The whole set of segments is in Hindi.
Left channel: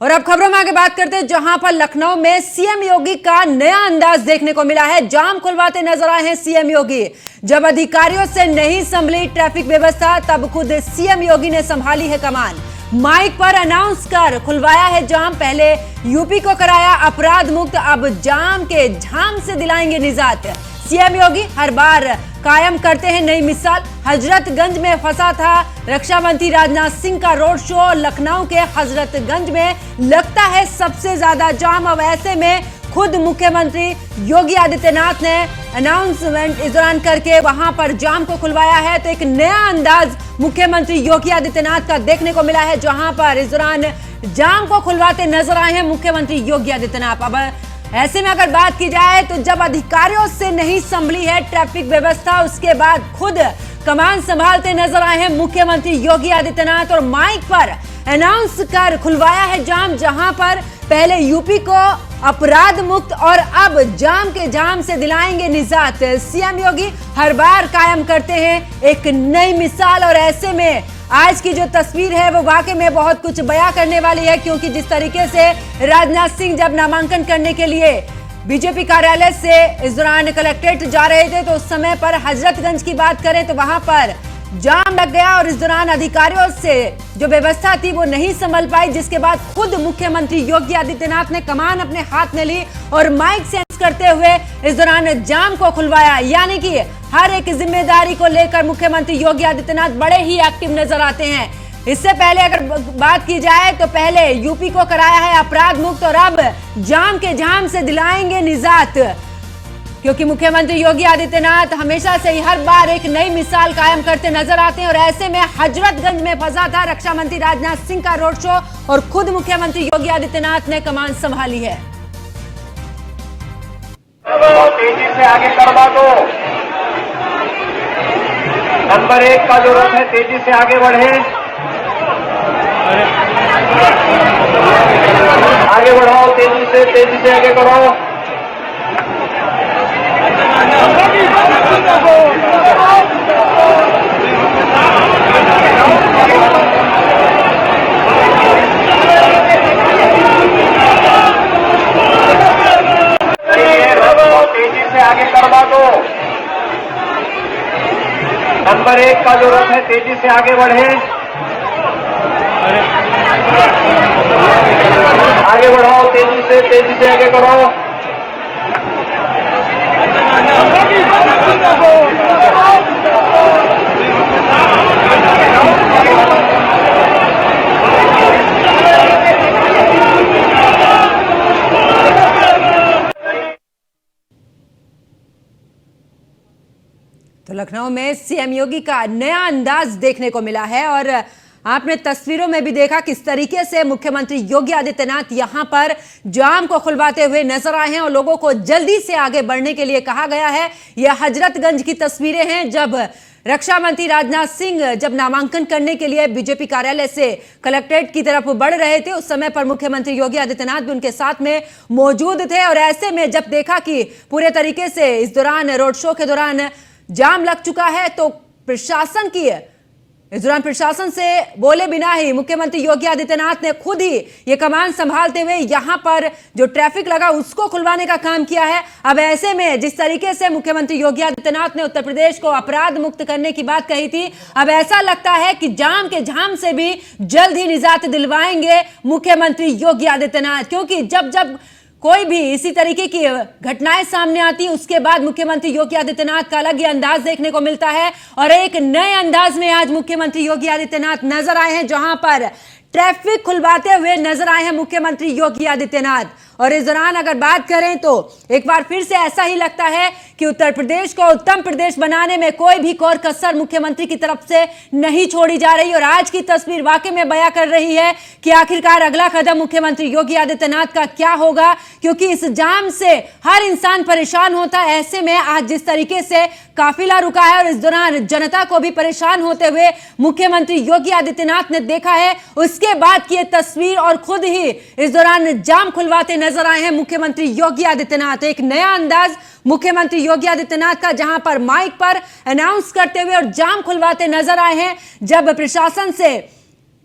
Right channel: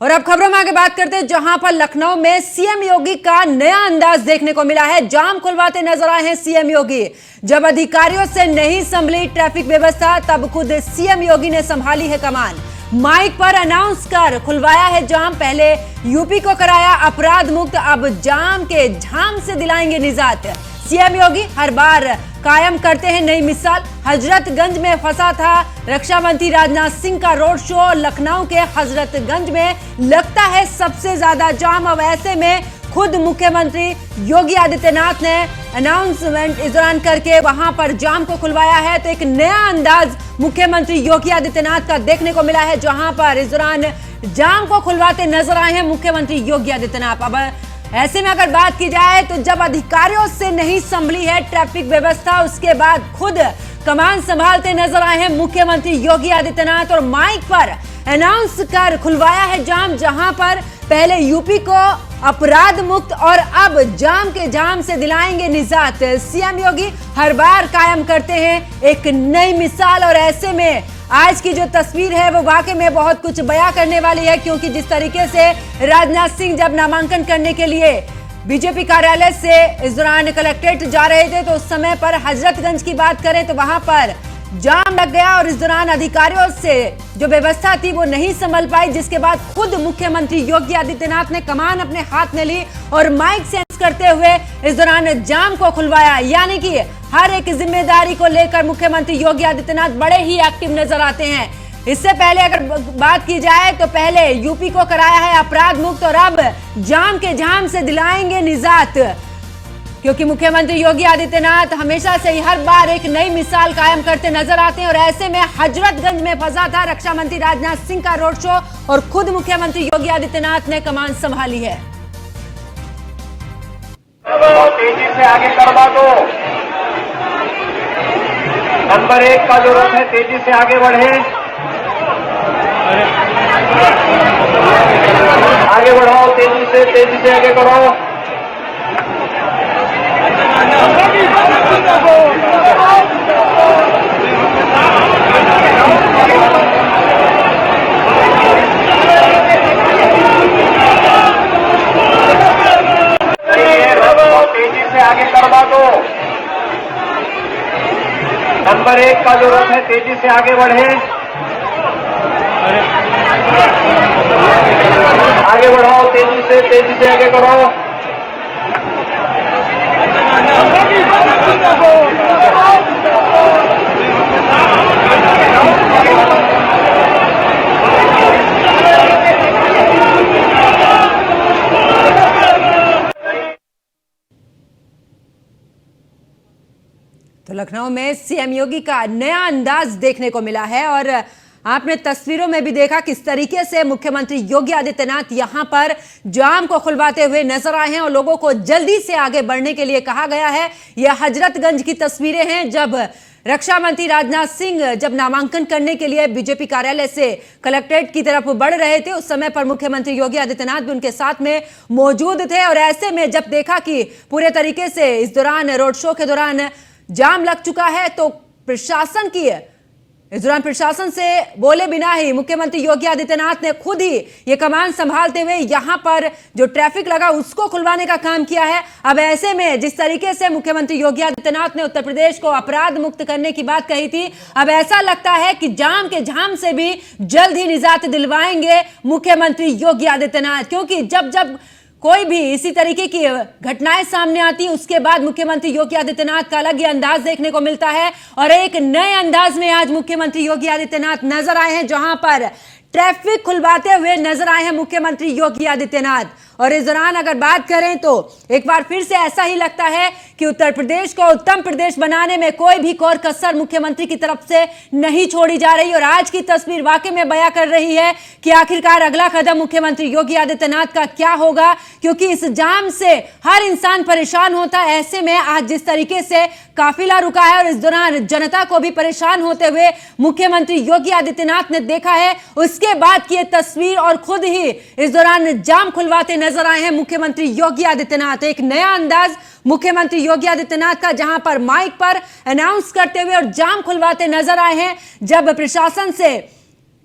और अब खबरों में आगे बात करते हैं, जहां पर लखनऊ में सीएम योगी का नया अंदाज देखने को मिला है। जाम खुलवाते नजर आए हैं सीएम योगी। जब अधिकारियों से नहीं संभली ट्रैफिक व्यवस्था, तब खुद सीएम योगी ने संभाली है कमान। माइक पर अनाउंस कर खुलवाया है जाम। पहले यूपी को कराया अपराध मुक्त, अब जाम के झाम से दिलाएंगे निजात। सीएम योगी हर बार कायम करते हैं नई मिसाल। हजरतगंज में फंसा था रक्षा मंत्री राजनाथ सिंह का रोड शो। लखनऊ के हजरतगंज में लगता है सबसे ज्यादा जाम। अब ऐसे में खुद मुख्यमंत्री योगी आदित्यनाथ ने अनाउंसमेंट इस दौरान करके वहां पर जाम को खुलवाया है। तो एक नया अंदाज मुख्यमंत्री योगी आदित्यनाथ का देखने को मिला है, जहां पर इस दौरान जाम को खुलवाते नजर आए हैं मुख्यमंत्री योगी आदित्यनाथ। अब ऐसे में अगर बात की जाए तो जब अधिकारियों से नहीं संभली है ट्रैफिक व्यवस्था, उसके बाद खुद कमान संभालते नजर आए हैं मुख्यमंत्री योगी आदित्यनाथ और माइक पर अनाउंस कर खुलवाया है जाम। जहां पर पहले यूपी को अपराध मुक्त और अब जाम के जाम से दिलाएंगे निजात। सीएम योगी हर बार कायम करते हैं एक नई मिसाल और ऐसे में आज की जो तस्वीर है वो वाकई में बहुत कुछ बयां करने वाली है, क्योंकि जिस तरीके से राजनाथ सिंह जब नामांकन करने के लिए बीजेपी कार्यालय से इस दौरान कलेक्ट्रेट जा रहे थे, तो उस समय पर हजरतगंज की बात करें तो वहां पर जाम लग गया और इस दौरान अधिकारियों से जो व्यवस्था थी वो नहीं संभल पाई, जिसके बाद खुद मुख्यमंत्री योगी आदित्यनाथ ने कमान अपने हाथ में ली और माइक सेंस करते हुए इस दौरान जाम को खुलवाया। यानी कि हर एक जिम्मेदारी को लेकर मुख्यमंत्री योगी आदित्यनाथ बड़े ही एक्टिव नजर आते हैं। इससे पहले अगर बात की जाए तो पहले यूपी को कराया है अपराध मुक्त और अब जाम के जाम से दिलाएंगे निजात, क्योंकि मुख्यमंत्री योगी आदित्यनाथ हमेशा से ही हर बार एक नई मिसाल कायम करते नजर आते हैं। और ऐसे में हजरतगंज में फंसा था रक्षा मंत्री राजनाथ सिंह का रोड शो और खुद मुख्यमंत्री योगी आदित्यनाथ ने कमान संभाली है। तेजी से आगे करवा दो। नंबर 1 का जो रथ है तेजी से आगे बढ़े, आगे बढ़ाओ, तेजी से आगे बढ़ाओ। तेजी से आगे करवा दो। नंबर 1 का जो रथ है तेजी से आगे बढ़े, आगे बढ़ाओ, तेजी से आगे बढ़ाओ। तो लखनऊ में सीएम योगी का नया अंदाज देखने को मिला है और आपने तस्वीरों में भी देखा किस तरीके से मुख्यमंत्री योगी आदित्यनाथ यहां पर जाम को खुलवाते हुए नजर आए हैं और लोगों को जल्दी से आगे बढ़ने के लिए कहा गया है। यह हजरतगंज की तस्वीरें हैं, जब रक्षा मंत्री राजनाथ सिंह जब नामांकन करने के लिए बीजेपी कार्यालय से कलेक्ट्रेट की तरफ बढ़ रहे थे, उस समय पर मुख्यमंत्री योगी आदित्यनाथ भी उनके साथ में मौजूद थे। और ऐसे में जब देखा कि पूरे तरीके से इस दौरान रोड शो के दौरान जाम लग चुका है, तो प्रशासन की इस दौरान प्रशासन से बोले बिना ही मुख्यमंत्री योगी आदित्यनाथ ने खुद ही ये कमान संभालते हुए यहां पर जो ट्रैफिक लगा उसको खुलवाने का काम किया है। अब ऐसे में जिस तरीके से मुख्यमंत्री योगी आदित्यनाथ ने उत्तर प्रदेश को अपराध मुक्त करने की बात कही थी, अब ऐसा लगता है कि जाम के झाम से भी जल्द ही निजात दिलवाएंगे मुख्यमंत्री योगी आदित्यनाथ, क्योंकि जब जब कोई भी इसी तरीके की घटनाएं सामने आती है उसके बाद मुख्यमंत्री योगी आदित्यनाथ का अलग ही अंदाज देखने को मिलता है। और एक नए अंदाज में आज मुख्यमंत्री योगी आदित्यनाथ नजर आए हैं, जहां पर ट्रैफिक खुलवाते हुए नजर आए हैं मुख्यमंत्री योगी आदित्यनाथ। और इस दौरान अगर बात करें तो एक बार फिर से ऐसा ही लगता है कि उत्तर प्रदेश को उत्तम प्रदेश बनाने में कोई भी कोर कसर मुख्यमंत्री की तरफ से नहीं छोड़ी जा रही। और आज की तस्वीर वाकई में बयां कर रही है कि आखिरकार अगला कदम मुख्यमंत्री योगी आदित्यनाथ का क्या होगा, क्योंकि इस जाम से हर इंसान परेशान होता है। ऐसे में आज जिस तरीके से काफिला रुका है और इस दौरान जनता को भी परेशान होते हुए मुख्यमंत्री योगी आदित्यनाथ ने देखा है, उसके बाद की तस्वीर और खुद ही इस दौरान जाम खुलवाते नजर आए हैं मुख्यमंत्री योगी आदित्यनाथ। एक नया अंदाज मुख्यमंत्री योगी आदित्यनाथ का, जहां पर माइक पर अनाउंस करते हुए और जाम खुलवाते नजर आए हैं। जब प्रशासन से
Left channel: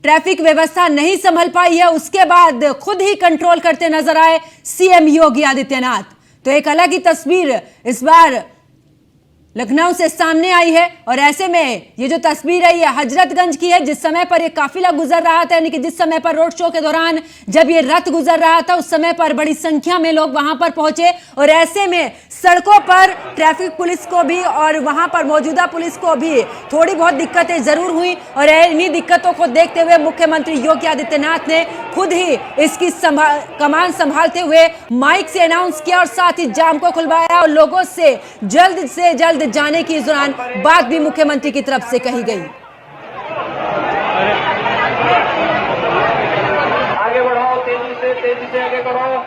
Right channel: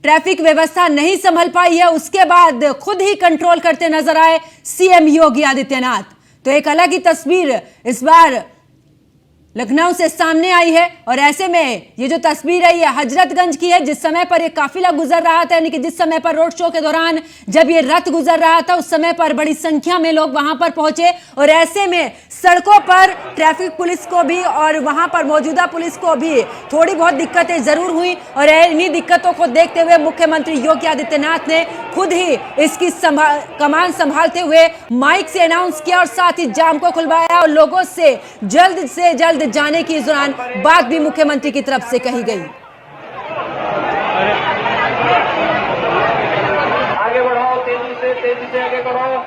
ट्रैफिक व्यवस्था नहीं संभल पाई है, उसके बाद खुद ही कंट्रोल करते नजर आए सीएम योगी आदित्यनाथ। तो एक अलग ही तस्वीर इस बार लखनऊ से सामने आई है और ऐसे में ये जो तस्वीर है ये हजरतगंज की है, जिस समय पर ये काफिला गुजर रहा था, यानी कि जिस समय पर रोड शो के दौरान जब ये रथ गुजर रहा था उस समय पर बड़ी संख्या में लोग वहां पर पहुंचे और ऐसे में सड़कों पर ट्रैफिक पुलिस को भी और वहां पर मौजूदा पुलिस को भी थोड़ी बहुत दिक्कतें जरूर हुई और इन्हीं दिक्कतों को देखते हुए मुख्यमंत्री योगी आदित्यनाथ ने खुद ही इसकी कमान संभालते हुए माइक से अनाउंस किया और साथ ही जाम को खुलवाया और लोगों से जल्द जाने की इस दौरान बात भी मुख्यमंत्री की तरफ से कही गई। आगे बढ़ाओ, तेजी से आगे बढ़ाओ।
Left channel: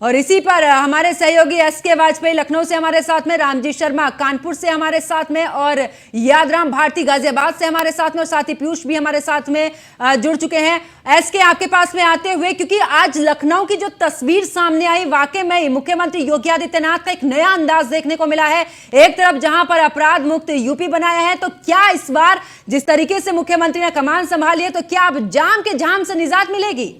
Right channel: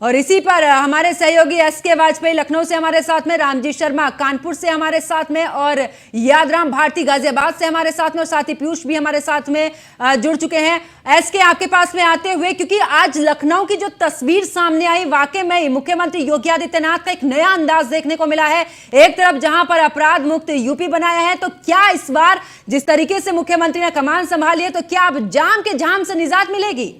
और इसी पर हमारे सहयोगी एसके वाजपेयी लखनऊ से हमारे साथ में, रामजी शर्मा कानपुर से हमारे साथ में और यादराम भारती गाजियाबाद से हमारे साथ में और साथ ही पीयूष भी हमारे साथ में जुड़ चुके हैं। एसके आपके पास में आते हुए, क्योंकि आज लखनऊ की जो तस्वीर सामने आई वाकई में मुख्यमंत्री योगी आदित्यनाथ का एक नया अंदाज देखने को मिला है। एक तरफ जहां पर अपराध मुक्त यूपी बनाया है, तो क्या इस बार जिस तरीके से मुख्यमंत्री ने कमान संभाली है तो क्या अब जाम के जाम से निजात मिलेगी?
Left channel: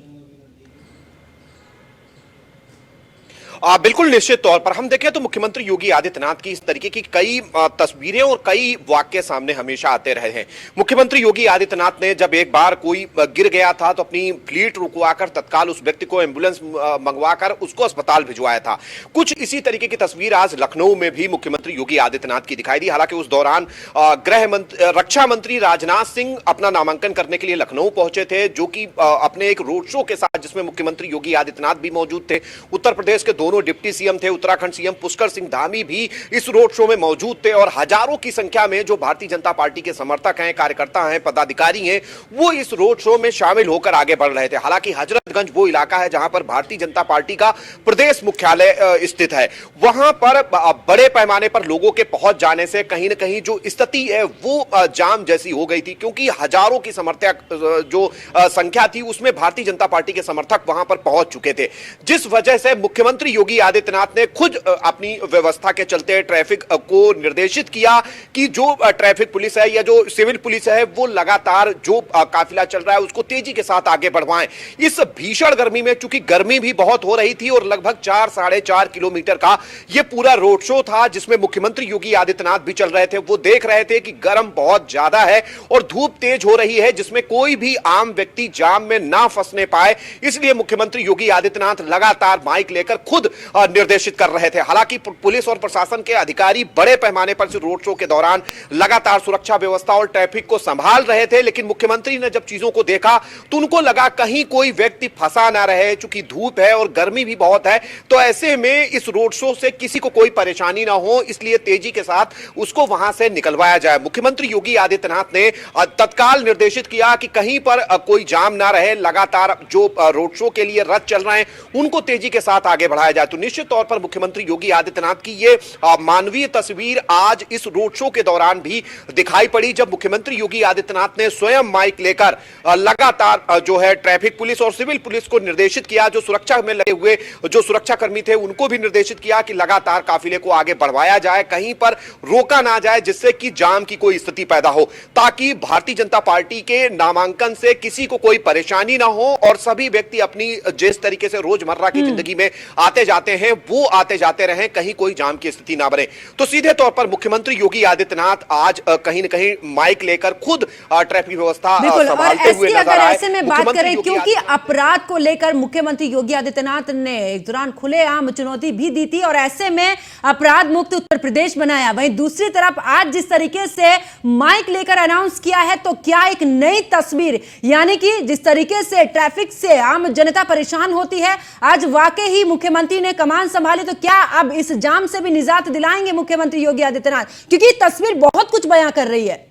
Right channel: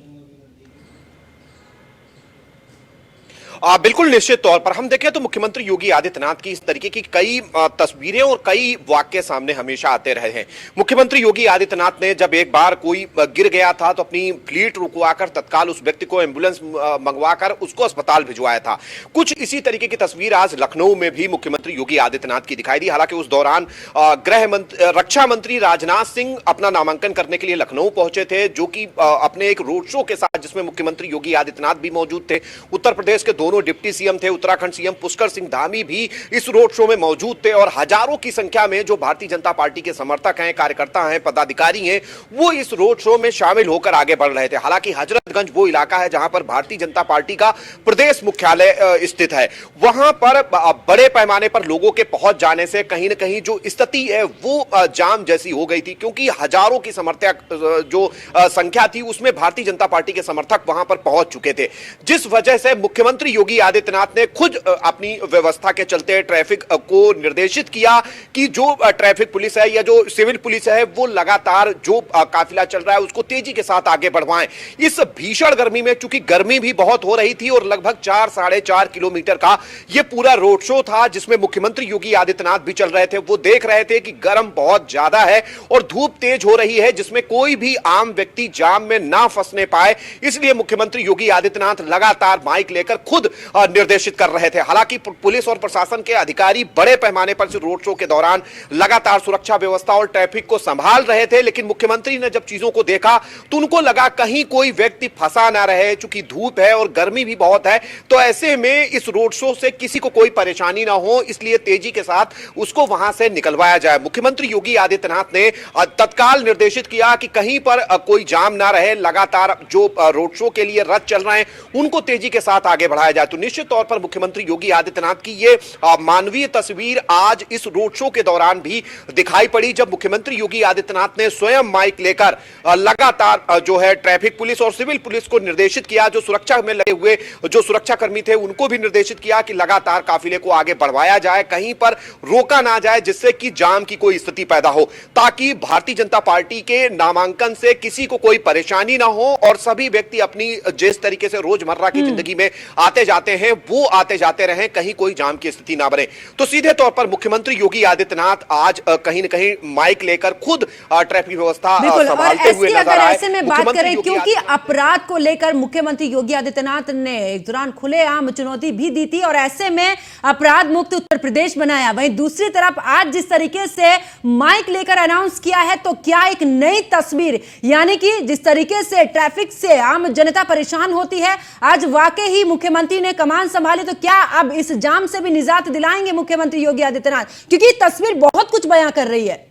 बिल्कुल निश्चित तौर पर हम देखें तो मुख्यमंत्री योगी आदित्यनाथ की इस तरीके की कई तस्वीरें और कई वाक्य सामने हमेशा आते रहे हैं। मुख्यमंत्री योगी आदित्यनाथ ने जब एक बार कोई गिर गया था तो अपनी फ्लीट रुकवाकर तत्काल उस व्यक्ति को एम्बुलेंस मंगवाकर उसको अस्पताल भिजवाया था। कुछ इसी तरीके की तस्वीर आज लखनऊ में भी मुख्यमंत्री योगी आदित्यनाथ की दिखाई दी। हालांकि उस दौरान रक्षा मंत्री राजनाथ सिंह अपना नामांकन करने के लिए लखनऊ पहुंचे थे, जो कि अपने एक रोड शो के साथ, जिसमें मुख्यमंत्री योगी आदित्यनाथ भी मौजूद थे। उत्तर प्रदेश के दोनों डिप्टी सीएम थे, उत्तराखंड सीएम पुष्कर सिंह धामी भी इस रोड शो में मौजूद थे और हजारों की संख्या में जो भारतीय जनता पार्टी के समर्थक हैं, कार्यकर्ता हैं, पदाधिकारी हैं, वो इस रोड शो में शामिल होकर आगे बढ़ रहे थे। हालांकि हजरतगंज वो इलाका है जहां पर भारतीय जनता पार्टी का प्रदेश मुख्यालय स्थित है। वहां पर बड़े पैमाने पर लोगों के पहुंच जाने से कहीं ना कहीं जो स्थिति है वो जाम जैसी हो गई थी, क्योंकि हजारों की समर्थक जो संख्या थी उसमें भारतीय जनता पार्टी के समर्थक वहां पर पहुंच चुके थे, जिस वजह से मुख्यमंत्री योगी आदित्यनाथ ने खुद अपनी व्यवस्था के चलते ट्रैफिक को निर्देशित किया कि जो ट्रैफिक पुलिस है या जो सिविल पुलिस है वो लगातार जो काफिला चल रहा है उसको तेजी के साथ आगे बढ़वाएं। इस भीषण गर्मी में, चूंकि गर्मी भी बहुत हो रही थी और लगभग 4-4.5 किलोमीटर का ये पूरा रोड शो था जिसमें मुख्यमंत्री योगी आदित्यनाथ भी चल रहे थे, वो देख रहे थे कि गर्म बहुत ज्यादा है और धूप तेज हो रही है, जिसमें कोई भी आम व्यक्ति जाम में ना फंसने पाए, इसलिए मुख्यमंत्री योगी आदित्यनाथ लगातार माइक लेकर खुद निर्देशित कर रहे थे। हालांकि पुलिस और प्रशासन के अधिकारी बड़े पैमाने पर रोड शो के दौरान लगातार सुरक्षा व्यवस्था और ट्रैफिक को संभाल रहे थे, लेकिन मुख्यमंत्री ने जब चीजों को देखा तो उनको लगा कहीं कोई व्यक्ति फंसा ना रहे, चूंकि धूप है और गर्मी भी बहुत है, तो ऐसे में इस रोड शो से किसी को कोई परेशानी ना हो, इसलिए तेजी के साथ उसको वहां से निकलवाया जाए। मुख्यमंत्री योगी आदित्यनाथ ने तत्काल निर्देशित किया कि कहीं पर कोई जाम ना रहे, लगातार जो रोड शो के लिए रथ चल रहे हैं उनको तेजी के साथ आगे बढ़ाया जाए। तो निश्चित तौर पर मुख्यमंत्री योगी आदित्यनाथ की ये मानवीय तस्वीर आज इस रोड शो के दौरान भी दिखाई पड़ी, जब मुख्यमंत्री योगी आदित्यनाथ ने स्वयं माइक लेकर लगातार जो है ट्रैफिक पुलिस और सिविल पुलिस को निर्देशित किया, जो सुरक्षा में लगे हुए जो सुरक्षा कर्मी थे उनको भी निर्देशित किया कि लगातार काफिले को आगे बढ़वाया जाए, कहीं पर रोका ना जाए जिससे कि जाम की कोई स्थिति पैदा हो, ताकि भारतीय जनता पार्टी के नामांकन से किसी को कोई परेशानी ना हो और सभी व्यक्ति अपनी जिस तरीके से रोजमर्रा की जिंदगी में आते जाते हैं वो आते जाते रहे, कहीं कोई जाम की स्थिति ना बने। तो सीधे तौर पर मुख्यमंत्री योगी आदित्यनाथ आज कहीं न कहीं माइक लेकर खुद ट्रैफिक व्यवस्था संभालते हुए नजर आए। ऐसे में बात करें, क्योंकि अपराध को लेकर मुख्यमंत्री योगी आदित्यनाथ ने इस दौरान खुलेआम चुनौती भी दी थी और ऐसे में अपराध मुक्त उत्तर प्रदेश बनाया। वहीं दूसरी तरफ आज जिस तरीके से माइक लेकर अनाउंस किया है, तो क्या एक नई तस्वीर, यानी कि जिस तरीके से ट्रैफिक से आम जनता परेशान होती है, आज वाकई ही मुख्यमंत्री ने कमान संभाली, तो क्या अब इस जाम से भी निजात दिलाएंगे मुख्यमंत्री योगी आदित्यनाथ? क्योंकि तस्वीर बहुत कुछ बयां कर रही है।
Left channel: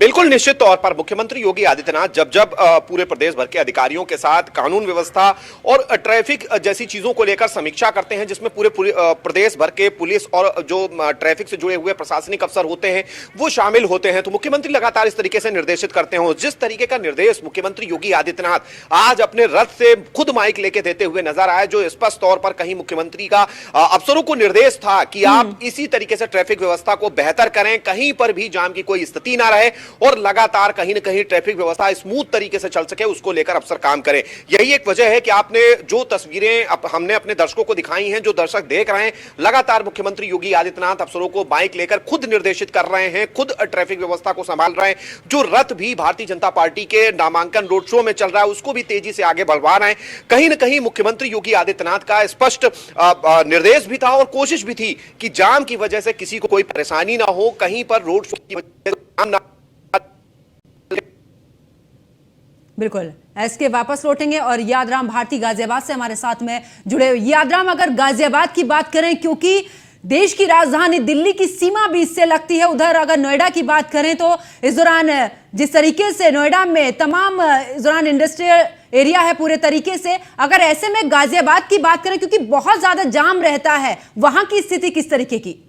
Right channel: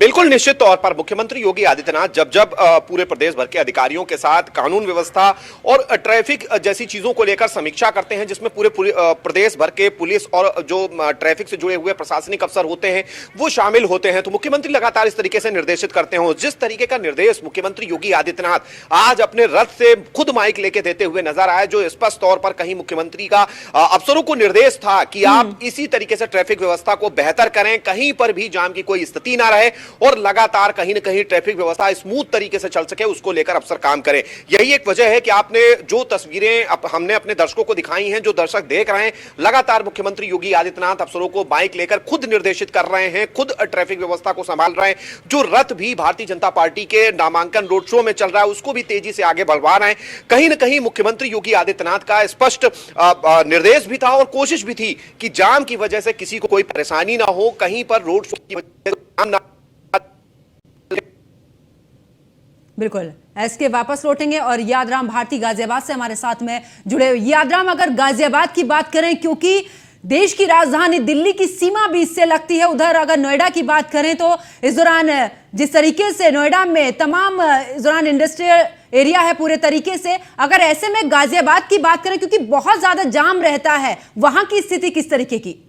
बिल्कुल निश्चित तौर पर मुख्यमंत्री योगी आदित्यनाथ जब जब पूरे प्रदेश भर के अधिकारियों के साथ कानून व्यवस्था और ट्रैफिक जैसी चीजों को लेकर समीक्षा करते हैं, जिसमें पूरे प्रदेश भर के पुलिस और जो ट्रैफिक से जुड़े हुए प्रशासनिक अफसर होते हैं वो शामिल होते हैं, तो मुख्यमंत्री लगातार इस तरीके से निर्देशित करते हैं। जिस तरीके का निर्देश मुख्यमंत्री योगी आदित्यनाथ आज अपने रथ से खुद माइक लेके देते हुए नजर आए, जो स्पष्ट तौर पर कहीं मुख्यमंत्री का अफसरों को निर्देश था कि आप इसी तरीके से ट्रैफिक व्यवस्था को बेहतर करें, कहीं पर भी जाम की कोई स्थिति ना रहे और लगातार कहीं ना कहीं ट्रैफिक व्यवस्था स्मूथ तरीके से चल सके, उसको लेकर अफसर काम करें। यही एक वजह है कि आपने जो तस्वीरें हमने अपने दर्शकों को दिखाई हैं, जो दर्शक देख रहे हैं, लगातार मुख्यमंत्री योगी आदित्यनाथ अफसरों को बाइक लेकर खुद निर्देशित कर रहे हैं, खुद ट्रैफिक व्यवस्था को संभाल रहे हैं। जो रथ भी भारतीय जनता पार्टी के नामांकन रोड शो में चल रहा है उसको भी तेजी से आगे बढ़वा रहे हैं। कहीं ना कहीं मुख्यमंत्री योगी आदित्यनाथ का स्पष्ट निर्देश भी था और कोशिश भी थी कि जाम की वजह से किसी को कोई परेशानी ना हो, कहीं पर रोड शो की वजह से जाम ना। बिल्कुल, एसके वापस लौटेंगे और यादराम भारती गाजियाबाद से हमारे साथ में जुड़े हुए। यादराम, अगर गाजियाबाद की बात करें, क्योंकि देश की राजधानी दिल्ली की सीमा भी इससे लगती है, उधर अगर नोएडा की बात करें तो इस दौरान जिस तरीके से नोएडा में तमाम इस दौरान इंडस्ट्रियल एरिया है पूरे तरीके से, अगर ऐसे में गाजियाबाद की बात करें क्योंकि बहुत ज्यादा जाम रहता है, वहां की स्थिति किस तरीके की?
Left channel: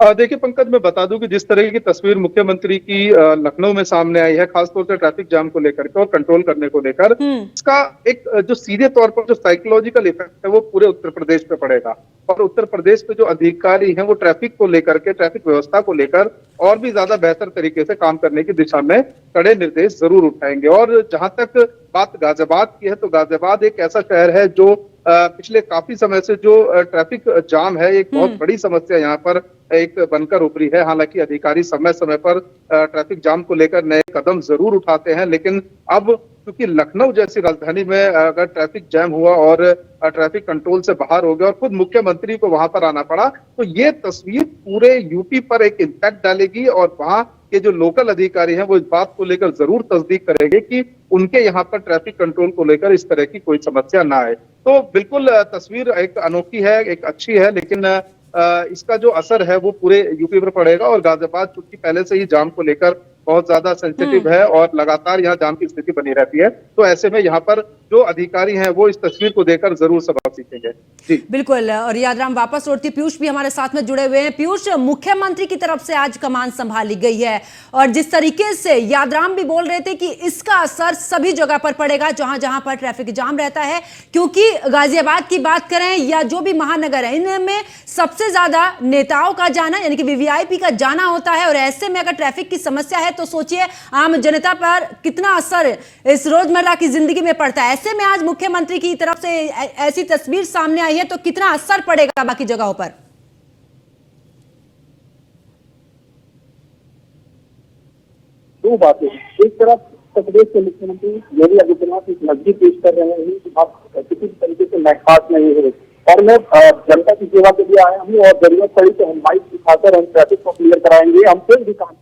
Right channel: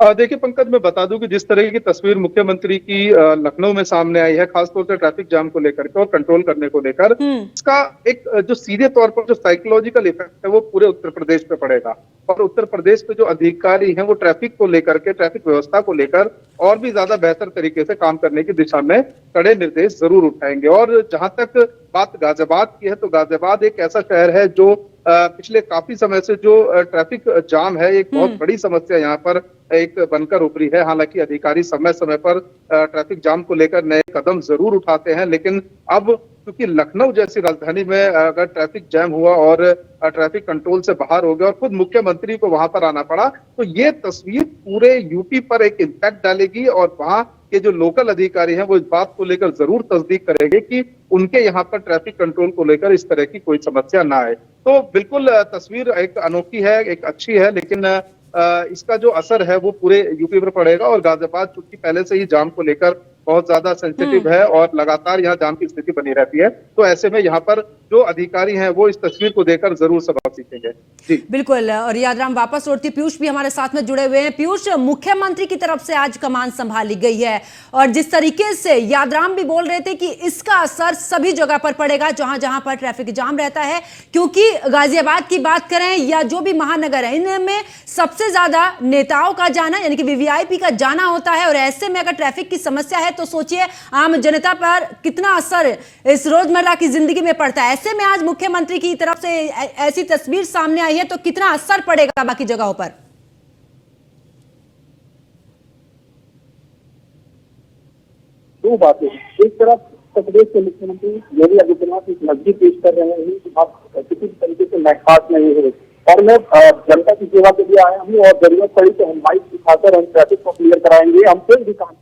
देखिए पंकज, मैं बता दूं कि जिस तरह की तस्वीर मुख्यमंत्री की लखनऊ में सामने आई है, खासतौर से ट्रैफिक जाम को लेकर के और कंट्रोल करने को लेकर, इसका एक जो सीधे तौर पर जो साइकोलॉजिकल इफेक्ट है वो पूरे उत्तर प्रदेश पे पड़ेगा। और उत्तर प्रदेश पे जो अधिकारी हैं वो ट्रैफिक को लेकर के, ट्रैफिक व्यवस्था को लेकर और भी ज्यादा बेहतर तरीके से काम करने की दिशा में कड़े निर्देश जरूर उठाएंगे। और जहां तक बात गाजियाबाद की है, तो गाजियाबाद एक ऐसा शहर है जो पिछले काफी समय से जो ट्रैफिक जाम है एक बहुत बड़ी समस्या यहाँ पर एक बनकर उभरी है। हालांकि अधिकारी समय समय पर ट्रैफिक जाम को लेकर नए कदम जरूर उठाते हैं, लेकिन अब क्योंकि लखनऊ जैसी राजधानी में अगर ट्रैफिक जैम हुआ और ट्रैफिक कंट्रोल से बाहर हो गया और खुद मुख्यमंत्री को वहां पर आना पड़ा, तो ये तस्वीर पूरे यूपी पर एक इम्पैक्ट डालेगी और वहां के जो लोकल अधिकारी हैं वो इस बात को लेकर जरूर तस्दीक करेंगे कि उनके यहाँ पर ट्रैफिक कंट्रोल को लेकर इस तरह की कोई समस्या ना आए। तो बिल्कुल तस्वीर एक अनोखी है, एक अच्छी है, लेकिन इसका जो असर है वो पूरे यूपी पर पड़ेगा। और गाजियाबाद चूंकि पहले से ही जाम को लेकर बहुत ज्यादा सेंसिटिव है और लगातार यहाँ जाम की स्थिति बनी रहती है, तो ऐसे में यहाँ पर जो अधिकारी हैं वो इस तस्वीर को देखकर जरूर सबक सीखेंगे। जी बिल्कुल, और यादराम वापस लौटती, पीयूष भी हमारे साथ में जुड़े हुए हैं। पीयूष, मुख्यमंत्री की तरफ से आज कमान संभाली गई है और जिस तरीके से यादराम भी बोल रहे थे कि इसका असर सभी जगह पर पड़ेगा जहां जहां पर ट्रैफिक जाम रहता है, क्योंकि गाजियाबाद की बात करें या जो भी महानगर है, इनमें सबसे ज्यादा नेताओं का जाना यानी कि वीवीआईपी का जाना होता है। और ऐसे में अगर ट्रैफिक की समस्या है तो सोचिए आम जनता पर कितना असर इस रोजमर्रा की जिंदगी में पड़ता है। ऐसे में आज मुख्यमंत्री की तरफ से ऐसी तस्वीर सामने आई है तो कितना असर पड़ेगा बाकी जगहों पर? दो बातें, एक तरफ उत्तर प्रदेश के मुख्यमंत्री योगी आदित्यनाथ एक नजदीक पेश कर रहे हैं कि आप किसी भी तरीके से महसूस नहीं है और मैं जनता की सेवा के लिए आया हूँ और जरूरत पड़ी तो हम बाइक दिखाकर हम ट्रैफिक को क्लियर कराएंगे। हम कोई भी काम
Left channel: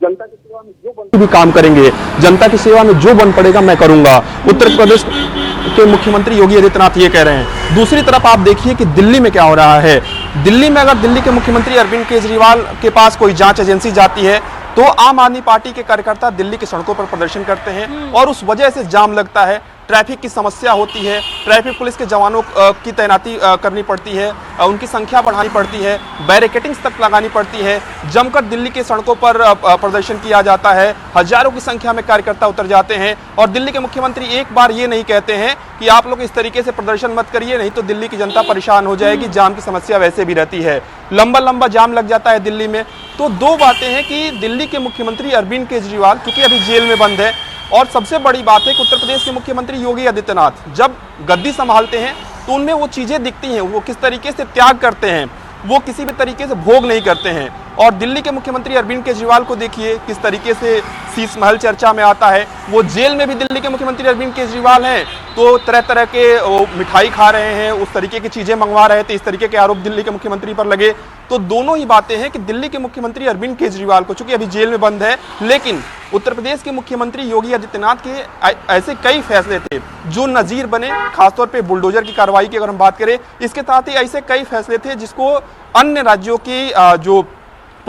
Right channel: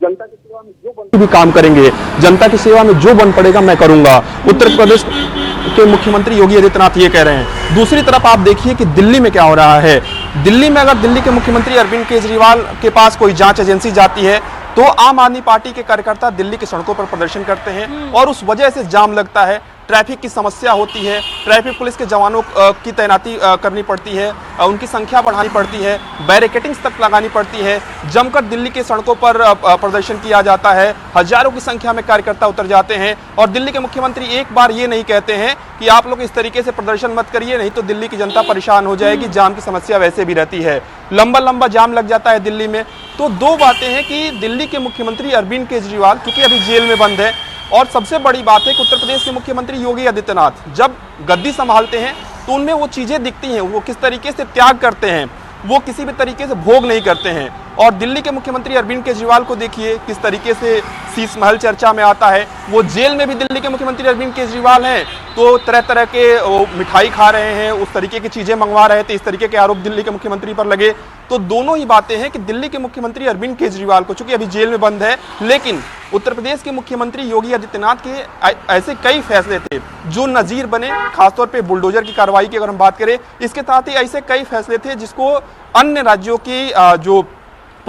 जनता की सेवा में जो भी काम करेंगे, जनता की सेवा में जो बन पड़ेगा मैं करूंगा। उत्तर प्रदेश के मुख्यमंत्री योगी आदित्यनाथ ये कह रहे हैं। दूसरी तरफ आप देखिए कि दिल्ली में क्या हो रहा है। दिल्ली में अगर दिल्ली के मुख्यमंत्री अरविंद केजरीवाल के पास कोई जांच एजेंसी जाती है तो आम आदमी पार्टी के कार्यकर्ता दिल्ली की सड़कों पर प्रदर्शन करते हैं और उस वजह से जाम लगता है, ट्रैफिक की समस्या होती है, ट्रैफिक पुलिस के जवानों की तैनाती करनी पड़ती है, उनकी संख्या बढ़ानी पड़ती है, बैरिकेटिंग्स तक लगानी पड़ती है, जमकर दिल्ली के सड़कों पर प्रदर्शन किया जाता है, हजारों की संख्या में कार्यकर्ता उतर जाते हैं और दिल्ली के मुख्यमंत्री एक बार ये नहीं कहते हैं कि आप लोग इस तरीके से प्रदर्शन मत करिए, नहीं तो दिल्ली की जनता परेशान हो जाएगी। जाम की समस्या वैसे भी रहती है, लंबा जाम लग जाता है दिल्ली में। तो दो बातें हैं कि दिल्ली के मुख्यमंत्री अरविंद केजरीवाल क्योंकि अभी जेल में बंद है, और सबसे बड़ी बात है कि उत्तर प्रदेश के मुख्यमंत्री योगी आदित्यनाथ जब गद्दी संभालते हैं तो उनमें वो चीजें दिखती हैं, वो किस तरीके से त्याग करते हैं, वो किसी भी तरीके से भोग नहीं करते हैं। और दिल्ली के मुख्यमंत्री अरविंद केजरीवाल को देखिए किस तरीके से शीश महल चर्चा में आता है। वो जेल में भी दिल्ली के मुख्यमंत्री अरविंद केजरीवाल हैं तो तरह तरह के मिठाई खा रहे हैं, उस तरीके की चीजें मंगवा रहे थे, इस तरीके के आरोप दिल्ली के मुख्यमंत्री पर लगे। तो दोनों ही बातें हैं कि दिल्ली के मुख्यमंत्री अरविंद केजरीवाल को चूंकि अभी जेल में बंद है, लेकिन उत्तर प्रदेश के मुख्यमंत्री योगी आदित्यनाथ के ऐसे कई फैसले थे जो नजीर बने, खासतौर पर बुलडोजर की कार्रवाई की अगर हम बात करें। इसके साथ ही ऐसे कई फैसले थे जिसको अन्य राज्यों की जो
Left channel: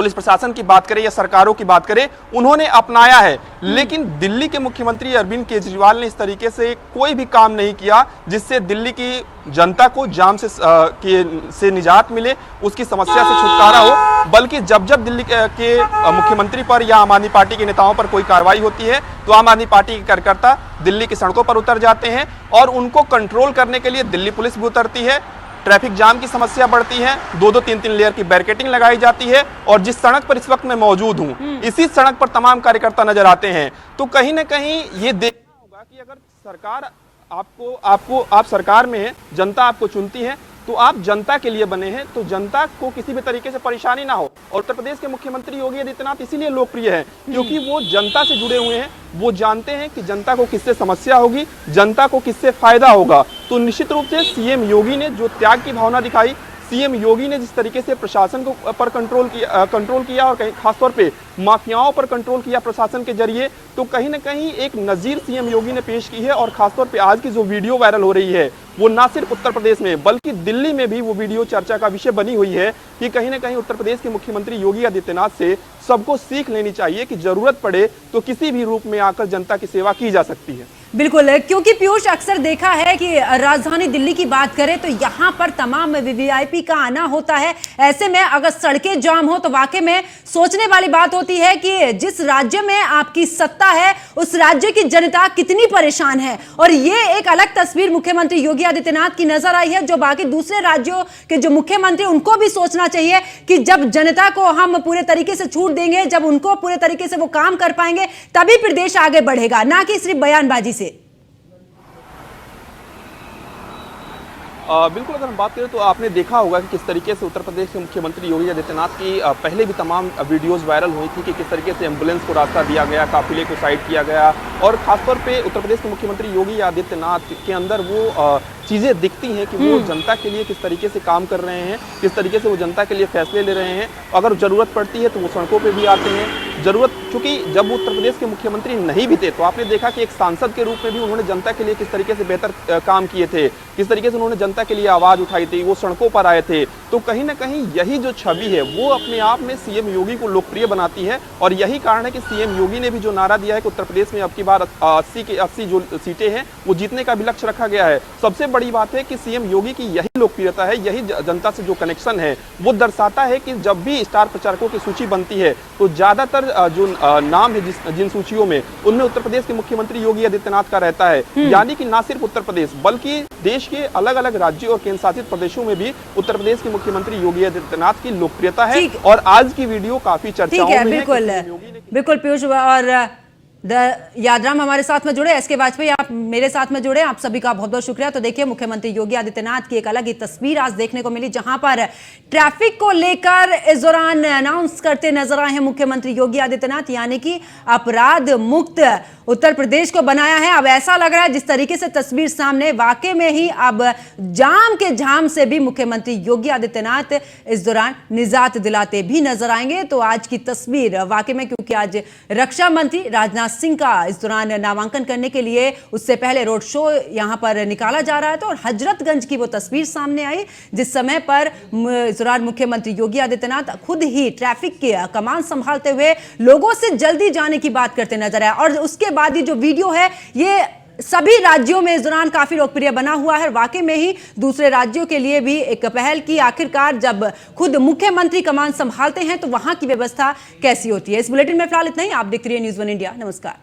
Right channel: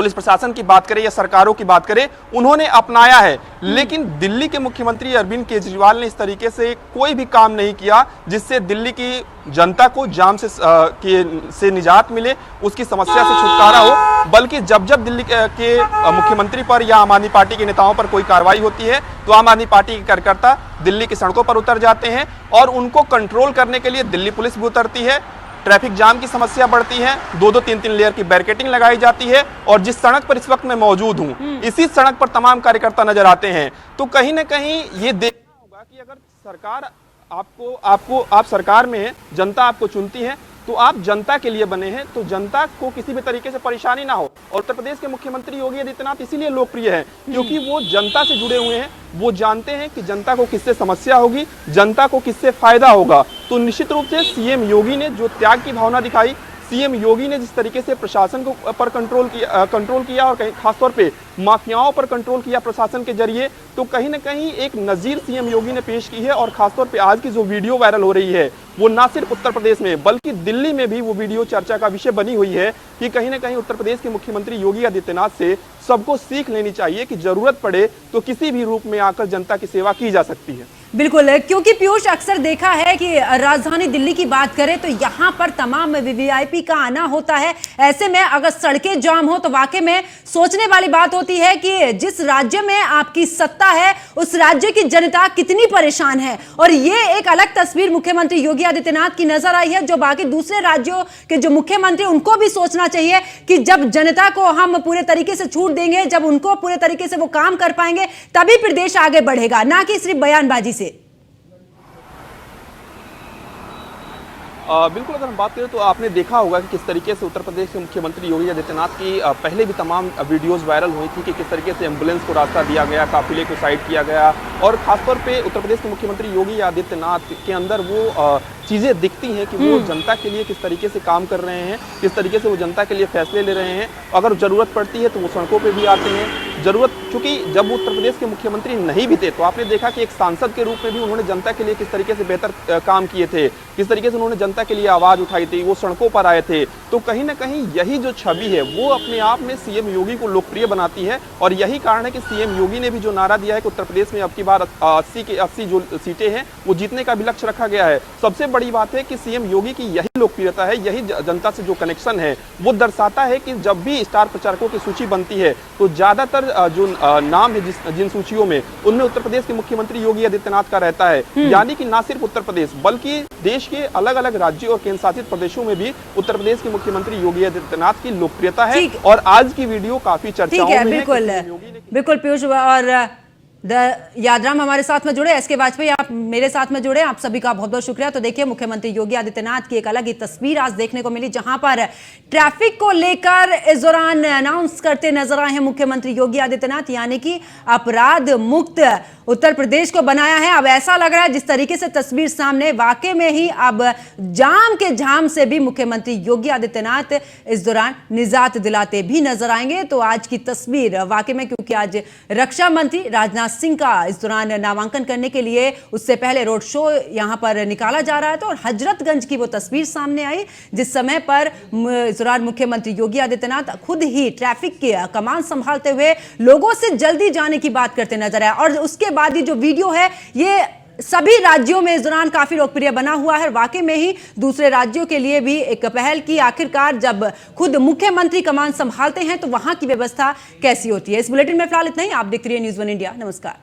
पुलिस प्रशासन की बात करें या सरकारों की बात करें, उन्होंने अपनाया है। लेकिन दिल्ली के मुख्यमंत्री अरविंद केजरीवाल ने इस तरीके से कोई भी काम नहीं किया जिससे दिल्ली की जनता को जाम से निजात मिले, उसकी समस्या से छुटकारा हो। बल्कि जब जब दिल्ली के मुख्यमंत्री पर या आम आदमी पार्टी के नेताओं पर कोई कार्रवाई होती है तो आम आदमी पार्टी के कार्यकर्ता दिल्ली की सड़कों पर उतर जाते हैं और उनको कंट्रोल करने के लिए दिल्ली पुलिस भी उतरती है। ट्रैफिक जाम की समस्या बढ़ती है, 2-2, 3-3 लेयर की बैरिकेडिंग लगाई जाती है और जिस सड़क पर इस वक्त मैं मौजूद हूं, इसी सड़क पर तमाम कार्यकर्ता नजर आते हैं। तो कहीं ना कहीं ये देखना होगा कि अगर सरकार आप सरकार में है, जनता आपको चुनती है, तो आप जनता के लिए बने हैं, तो जनता को किसी भी तरीके से परेशानी ना हो। और उत्तर प्रदेश के मुख्यमंत्री योगी आदित्यनाथ इसीलिए लोकप्रिय है क्योंकि वो जनता से जुड़े हुए हैं, वो जानते हैं कि जनता को किससे समस्या होगी, जनता को किससे फायदा होगा। तो निश्चित रूप से सीएम योगी ने जो त्याग की भावना दिखाई, सीएम योगी ने जिस तरीके से प्रशासन को पर कंट्रोल किया और कहीं खासतौर पे माफियाओं पर कंट्रोल किया प्रशासन के जरिए, तो कहीं ना कहीं एक नजीर सीएम योगी ने पेश की है। और खासतौर पे आज की जो वीडियो वायरल हो रही है वो ना सिर्फ उत्तर प्रदेश में बल्कि दिल्ली में भी वो वीडियो चर्चा का विषय बनी हुई है कि कहीं ना कहीं उत्तर प्रदेश के मुख्यमंत्री योगी आदित्यनाथ से सबको सीख लेनी चाहिए कि जरूरत पड़े तो किसी भी रूप में आकर जनता की सेवा की जा सकती है। बिल्कुल, क्योंकि पीयूष अक्सर देखा है कि राजधानी दिल्ली की बात करें तो यहाँ पर तमाम वीवीआईपी का आना होता है। ऐसे में अगर सड़कें जाम हो तो वाकई में सोचने वाली बात होती है कि जिस राज्य में आपकी सत्ता है उस राज्य की जनता कितनी परेशान है। और ये एक अलग तस्वीर मुख्यमंत्री योगी आदित्यनाथ की नजर आई है, जो बाकी दूसरे राज्यों के जो मुख्यमंत्री उनको भी सोचना चाहिए कि जब जनता को हम पूरे तरीके से छूट देंगे, जब उनको पूरे तरीके से वो काम कर पाएंगे, तभी फिर देश आगे बढ़ेगा, ना कि सिर्फ बयानबाजी से। बिल्कुल, अगर हम बात करें तो आपने देखा होगा कि किस तरीके से उत्तर प्रदेश के मुख्यमंत्री योगी आदित्यनाथ की पहले भी तमाम वीडियोस वायरल हुई थी कि किस तरीके से एम्बुलेंस को रास्ता दिया गया, काफिले को साइड किया गया। और खासतौर पे उत्तर प्रदेश के मुख्यमंत्री योगी आदित्यनाथ के अंदर वो चीजें दिखती हैं कि वो जनता के लिए किस तरीके से काम कर रहे हैं, किस तरीके से वो जनता के लिए फैसले ले रहे हैं। अगर जरूरत पड़ती है तो वो सड़कों पे भी आते हैं। जरूरत, क्योंकि जब वो उत्तर प्रदेश के मुख्यमंत्री नहीं भी थे तो आपने देखा कि एक सांसद के रूप में भी उन्होंने जनता के लिए किस तरीके से बेहतर काम किए थे, किस तरीके से उन्होंने जनता के लिए आवाज उठाई थी, वो सड़कों पर आए थे। तो कहीं ना कहीं यही जो छवि है वो अपने आप में सीएम योगी को लोकप्रिय बनाती है। और यही कारण है कि सीएम योगी ने भी जो नारा दिया है कि उत्तर प्रदेश में अब की बार 80 के 80 जो सीटें हैं वो जीतने का भी लक्ष्य रखा गया है। सबसे बड़ी बात है कि सीएम योगी की यही लोकप्रियता है, यही जनता से जो कनेक्शन है वो दर्शाता है कि जब भी स्टार प्रचारकों की सूची बनती है तो ज्यादातर जो नाम है जिन सूचियों में, उनमें उत्तर प्रदेश के मुख्यमंत्री योगी आदित्यनाथ का रहता है। यानी कि ना सिर्फ उत्तर प्रदेश बल्कि देश के अलग अलग राज्यों और केंद्र शासित प्रदेशों में भी उत्तर प्रदेश के मुख्यमंत्री योगी आदित्यनाथ की लोकप्रियता है। और आज की वीडियो काफी चर्चाओं में है। बिल्कुल पीयूष और यादराम हमारे साथ में जुड़े, एसके वाजपेयी आप मेरे साथ में जुड़े, आप सभी का बहुत बहुत शुक्रिया। तो देखिए, मुख्यमंत्री योगी आदित्यनाथ की एक अलग ही तस्वीर आज देखने को मिली, जहां पर ट्रैफिक को लेकर इस दौरान अनाउंस करते नजर आए हैं मुख्यमंत्री योगी आदित्यनाथ, यानी कि अपराध मुक्त उत्तर प्रदेश को बनाया है। अब ऐसा लग रहा है जिस तरीके से तस्वीर सामने, वाकई में ही अब जाम के झाम से भी मुख्यमंत्री योगी आदित्यनाथ इस दौरान निजात दिलाते भी नजर आएंगे। तो आज की तस्वीर वाकई में, क्योंकि आज रक्षा मंत्री राजनाथ सिंह का इस दौरान नामांकन करने के लिए उससे पहले रोड शो यहां पर निकाला जा रहा है, तो और हजरतगंज की वो तस्वीर सामने आई जिस समय पर इस दौरान मुख्यमंत्री योगी आदित्यनाथ खुद ही ट्रैफिक की कमान संभालते हुए लोगों से जल्दी जाने की बात करते नजर आए। और उसके बाद ये जो वीडियो है ये सभी राज्यों में इस दौरान काफी लोकप्रिय बना हुआ है। वाकई में ही दूसरे राज्यों के लिए भी एक पहल की, आखिरकार जब खुद मुख्यमंत्री कमान संभालते हैं तो वहां की व्यवस्था कैसी होती है। इस बुलेटिन में फिलहाल इतना ही। आप देखते रहिए न्यूज़ 1 इंडिया। नमस्कार।